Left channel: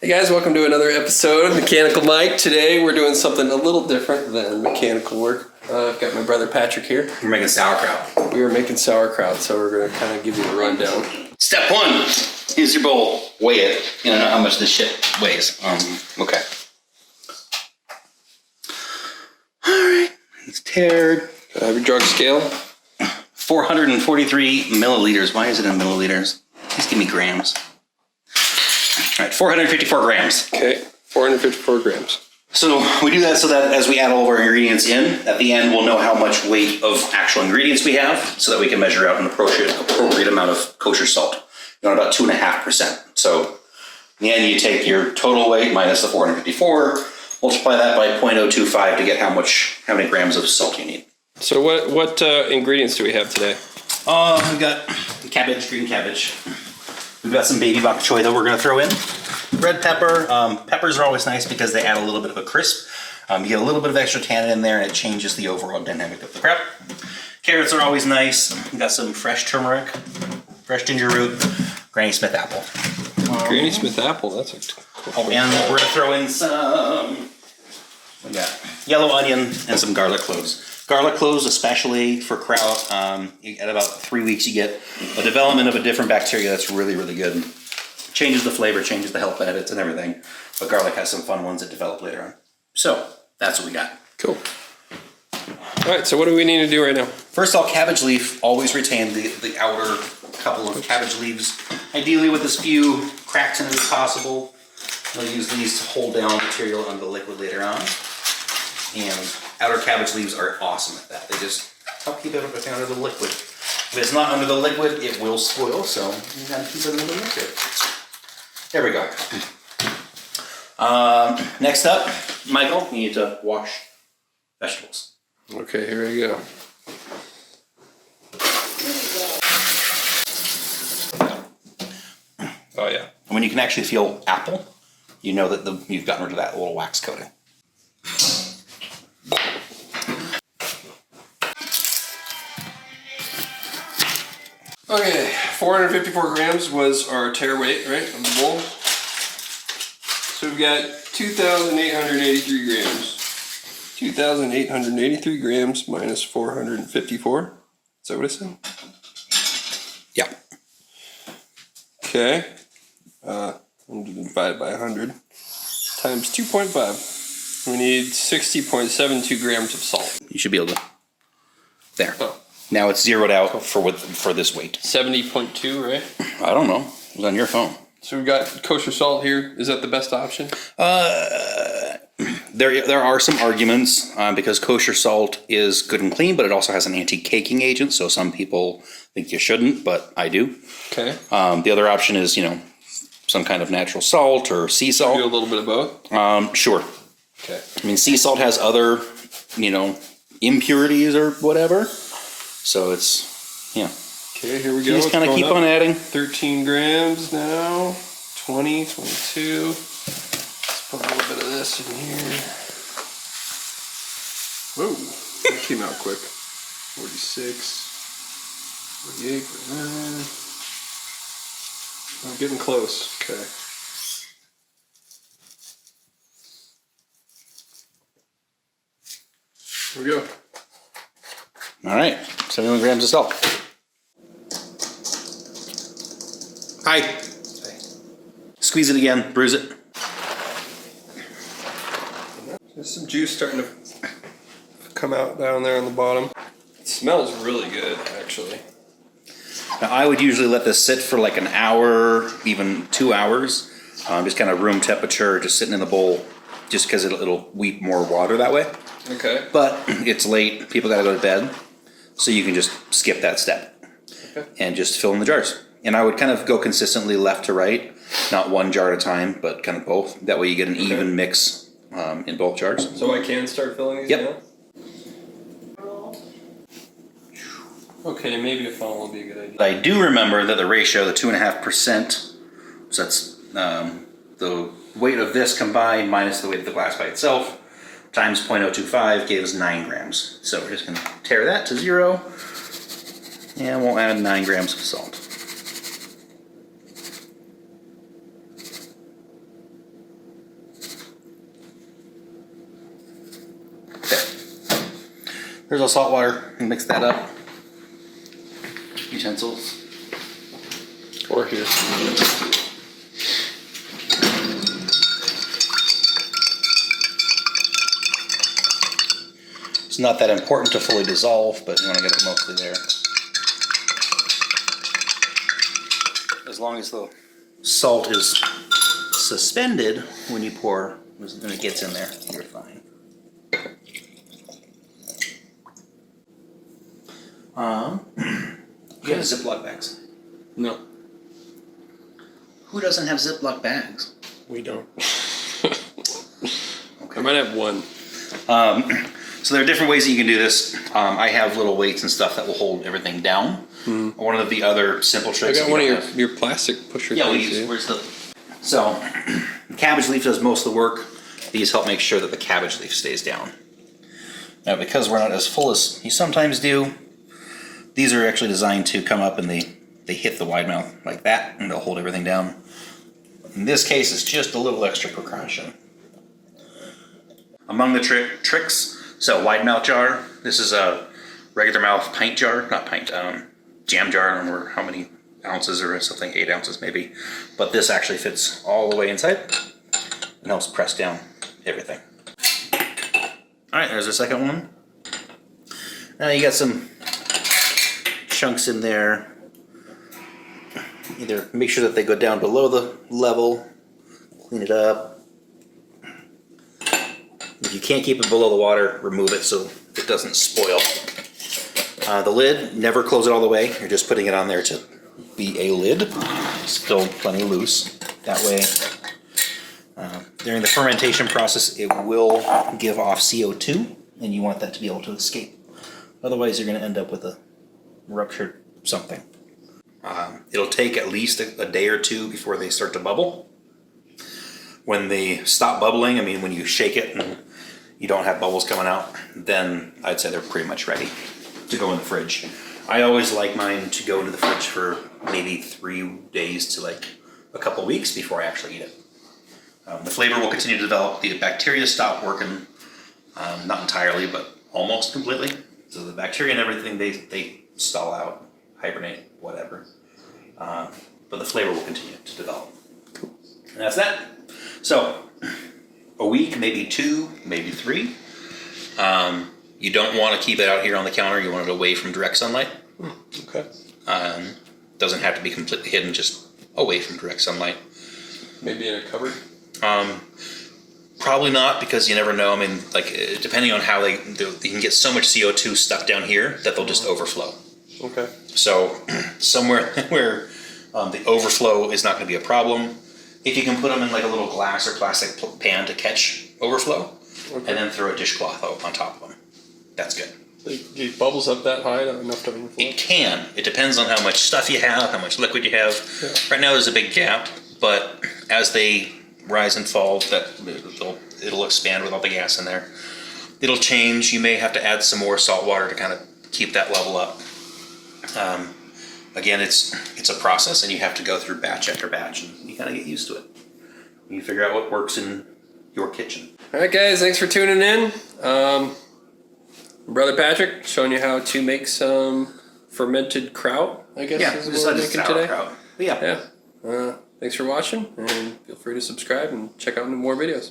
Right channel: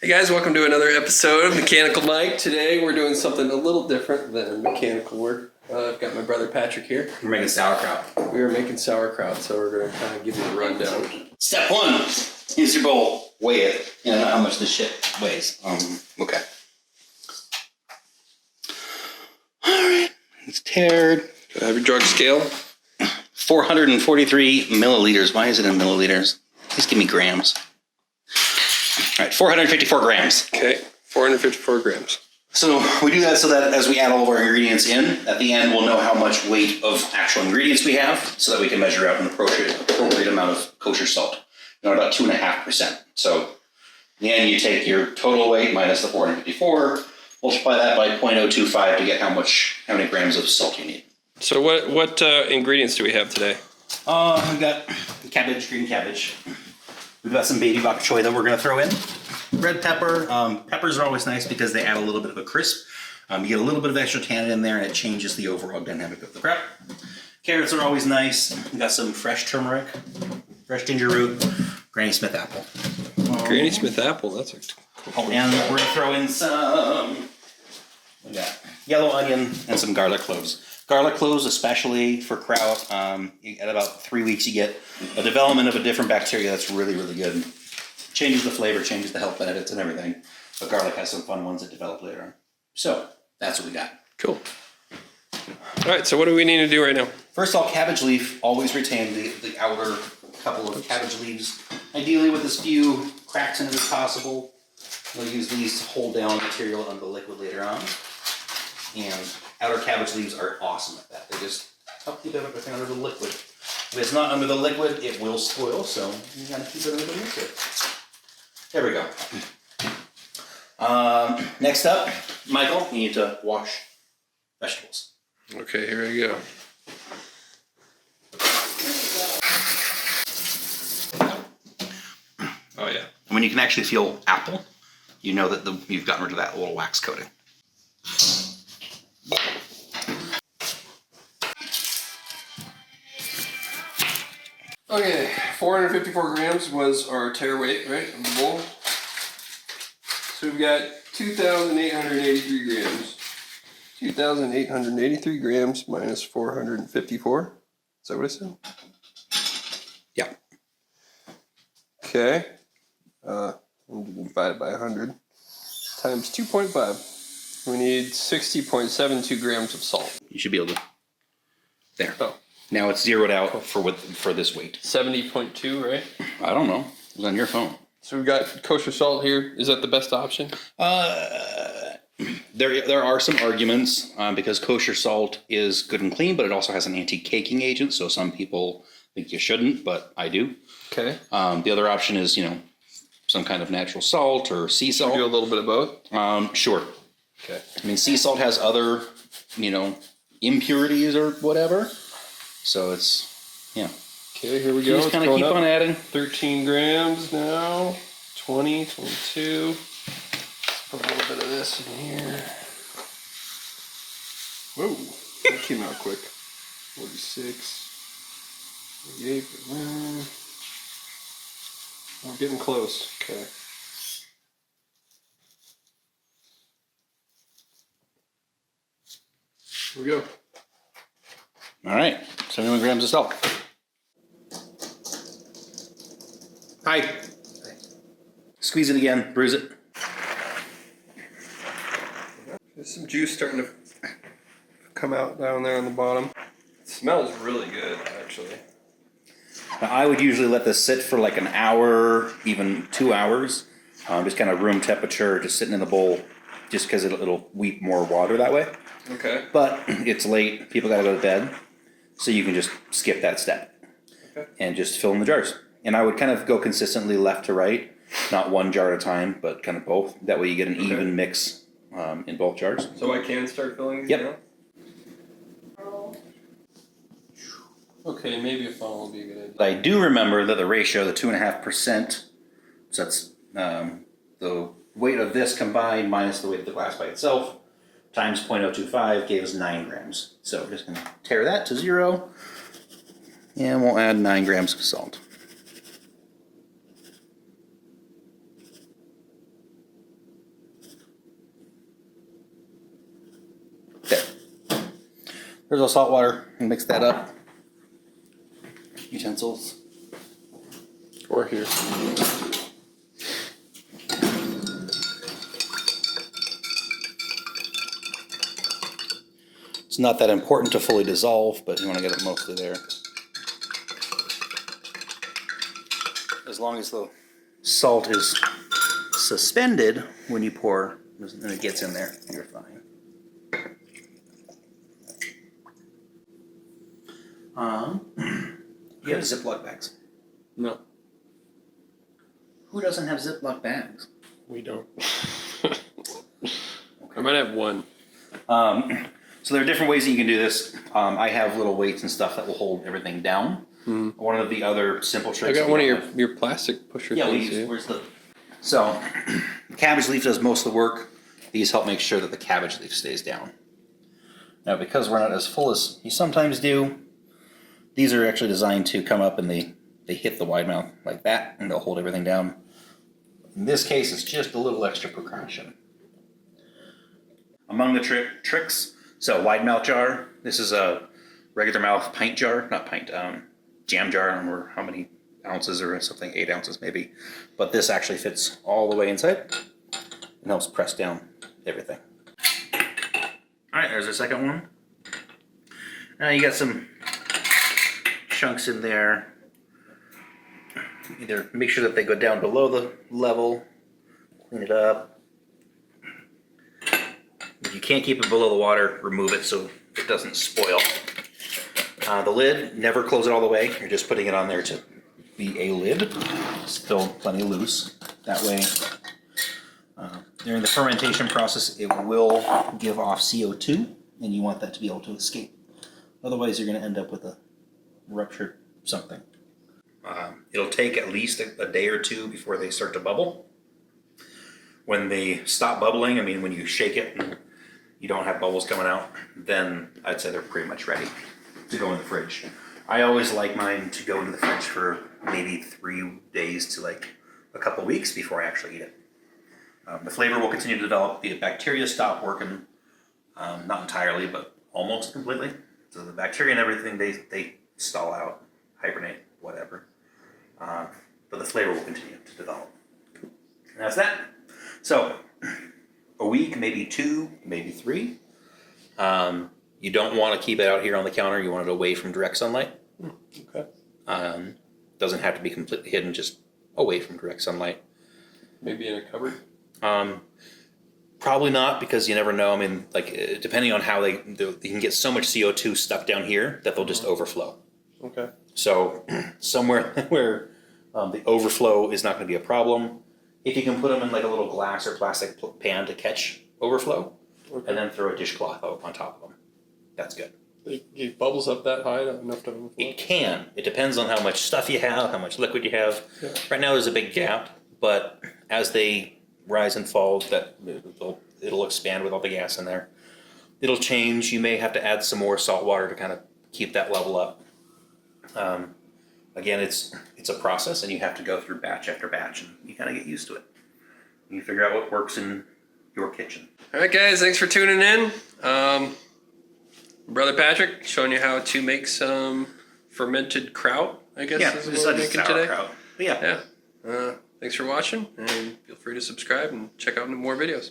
Hey guys, welcome to another episode of Mechanical Mike. Today we're doing something a little different than mechanical work. I've got my brother Patrick here. We're making sauerkraut. We are making sauerkraut, so we're going to kind of give you the rundown. Step one, here's your bowl. Weigh it. You know how much this shit weighs. Okay. Alright, it's tared. Do I have your drug scale? 443 milliliters. Why is it in milliliters? Please give me grams. Alright, 454 grams. Okay, 454 grams. So we do that so that as we add all of our ingredients in, at the end we'll know how much weight of actual ingredients we have so that we can measure out an appropriate amount of kosher salt. You know, about 2.5%. So in the end you take your total weight minus the 454, multiply that by 0.025 to get how many grams of salt you need. So what ingredients do we have today? We got cabbage, green cabbage. We've got some baby bok choy that we're going to throw in. Red pepper. Peppers are always nice because they add a little bit of a crisp. You get a little bit of extra tannin in there and it changes the overall dynamic of the kraut. Carrots are always nice. We've got some fresh turmeric, fresh ginger root, Granny Smith apple. Granny Smith apple, that's a cool. Oh, and we're going to throw in some, we got yellow onion and some garlic cloves. Garlic cloves, especially for kraut, at about 3 weeks you get a development of a different bacteria that's really, really good. Changes the flavor, changes the health benefits and everything. But garlic has some fun ones that develop later on. So, that's what we got. Cool. All right, so what do we need to do right now? First of all, cabbage leaf, always retain the outer couple of cabbage leaves. Ideally with as few cracks in it as possible. We'll use these to hold down material on the liquid later on. And outer cabbage leaves are awesome at that. They just help keep everything under the liquid. If it's not under the liquid, it will spoil, so you gotta keep it under the liquid. There we go. Next up, Michael, you need to wash vegetables. Okay, here we go. Oh yeah. And when you can actually feel apple, you know that you've gotten rid of that little wax coating. Okay, 454 grams was our tare weight, right, of the bowl. So we've got 2,883 grams. 2,883 grams minus 454. Is that what I said? Yeah. Okay. I'm going to divide by 100 times 2.5. We need 60.72 grams of salt. You should be able to. There. Oh. Now it's zeroed out for this weight. 70.2, right? I don't know. It was on your phone. So we've got kosher salt here. Is that the best option? There are some arguments because kosher salt is good and clean, but it also has an anti-caking agent. So some people think you shouldn't, but I do. Okay. The other option is, some kind of natural salt or sea salt. Do a little bit of both? Sure. Okay. I mean, sea salt has other, impurities or whatever. So it's, yeah. Okay, here we go. You just kind of keep on adding. 13 grams now. 20, 22. Let's put a little bit of this in here. Whoa, that came out quick. 46, 48, 49. I'm getting close. Okay. Here we go. All right, 71 grams of salt. Hi. Squeeze it again, bruise it. There's some juice starting to come out down there on the bottom. It smells really good, actually. Now, I would usually let this sit for like an hour, even 2 hours. Just kind of room temperature, just sitting in the bowl, just because it'll weep more water that way. Okay. But it's late, people gotta go to bed, so you can just skip that step. Okay. And just fill in the jars. And I would kind of go consistently left to right, not one jar at a time, but kind of both. That way you get an even mix in both jars. So I can start filling these now? Okay, maybe a funnel will be a good idea. I do remember that the ratio, the 2.5%, so that's the weight of this combined minus the weight of the glass by itself, times 0.025 gave us 9 grams. So we're just going to tare that to 0, and we'll add 9 grams of salt. There's a salt water. You mix that up. Utensils. Or here. It's not that important to fully dissolve, but you want to get it mostly there. As long as the salt is suspended when you pour, when it gets in there, you're fine. You have Ziploc bags. No. Who doesn't have Ziploc bags? We don't. Okay. I might have one. So there are different ways that you can do this. I have little weights and stuff that will hold everything down. One of the other simple I tricks. got one of your plastic pusher Yeah, we things. use. Where's the? So, the cabbage leaf does most of the work. These help make sure that the cabbage leaf stays down. Now, because we're not as full as you sometimes do, these are actually designed to come up and they hit the wide mouth like that, and they'll hold everything down. In this case, it's just a little extra precaution. Among the tricks, so wide mouth jar. This is a regular mouth pint jar, not pint, jam jar. I don't remember how many ounces or something, 8 ounces maybe. But this actually fits all the way inside and helps press down everything. All right, there's the second one. Now you got some chunks in there. Either make sure that they go down below the level, clean it up. If you can't keep it below the water, remove it so it doesn't spoil. The lid, never close it all the way. You're just putting it on there to be a lid. Still plenty loose. That way, during the fermentation process, it will give off CO2, and you want that to be able to escape. Otherwise, you're going to end up with a ruptured something. It'll take at least a day or two before they start to bubble. When they stop bubbling, I mean, when you shake it and you don't have bubbles coming out, then I'd say they're pretty much ready to go in the fridge. I always like mine to go into the fridge for maybe 3 days to like a couple weeks before I actually eat it. The flavor will continue to develop. The bacteria stop working, not entirely, but almost completely. So the bacteria and everything, they stall out, hibernate, whatever. But the flavor will continue to develop. Cool. And that's that. So, a week, maybe 2, maybe 3. You don't want to keep it out here on the counter. You want it away from direct sunlight. Okay. Doesn't have to be completely hidden, just away from direct sunlight. Maybe in a cupboard? Probably not, because you never know. I mean, like, depending on how you can get so much CO2 stuck down here that they'll just overflow. Okay. So, somewhere where the overflow is not going to be a problem. If you can put them in like a little glass or plastic pan to catch overflow, and then throw a dishcloth on top of them, that's good. It bubbles up that high enough to overflow? It can. It depends on how much stuff you have, how much liquid you have. Yeah. Right now there's a big gap, but as they rise and fall, it'll expand with all the gas in there. It'll change. You may have to add some more salt water to kind of keep that level up. Again, it's a process, and you have to go through batch after batch, and you kind of get used to it. You figure out what works in your kitchen. All right, guys, thanks for tuning in. Brother Patrick showing you how to make some fermented kraut, I guess is what we're making today. But yeah. Thanks for watching, and feel free to subscribe and check out more videos.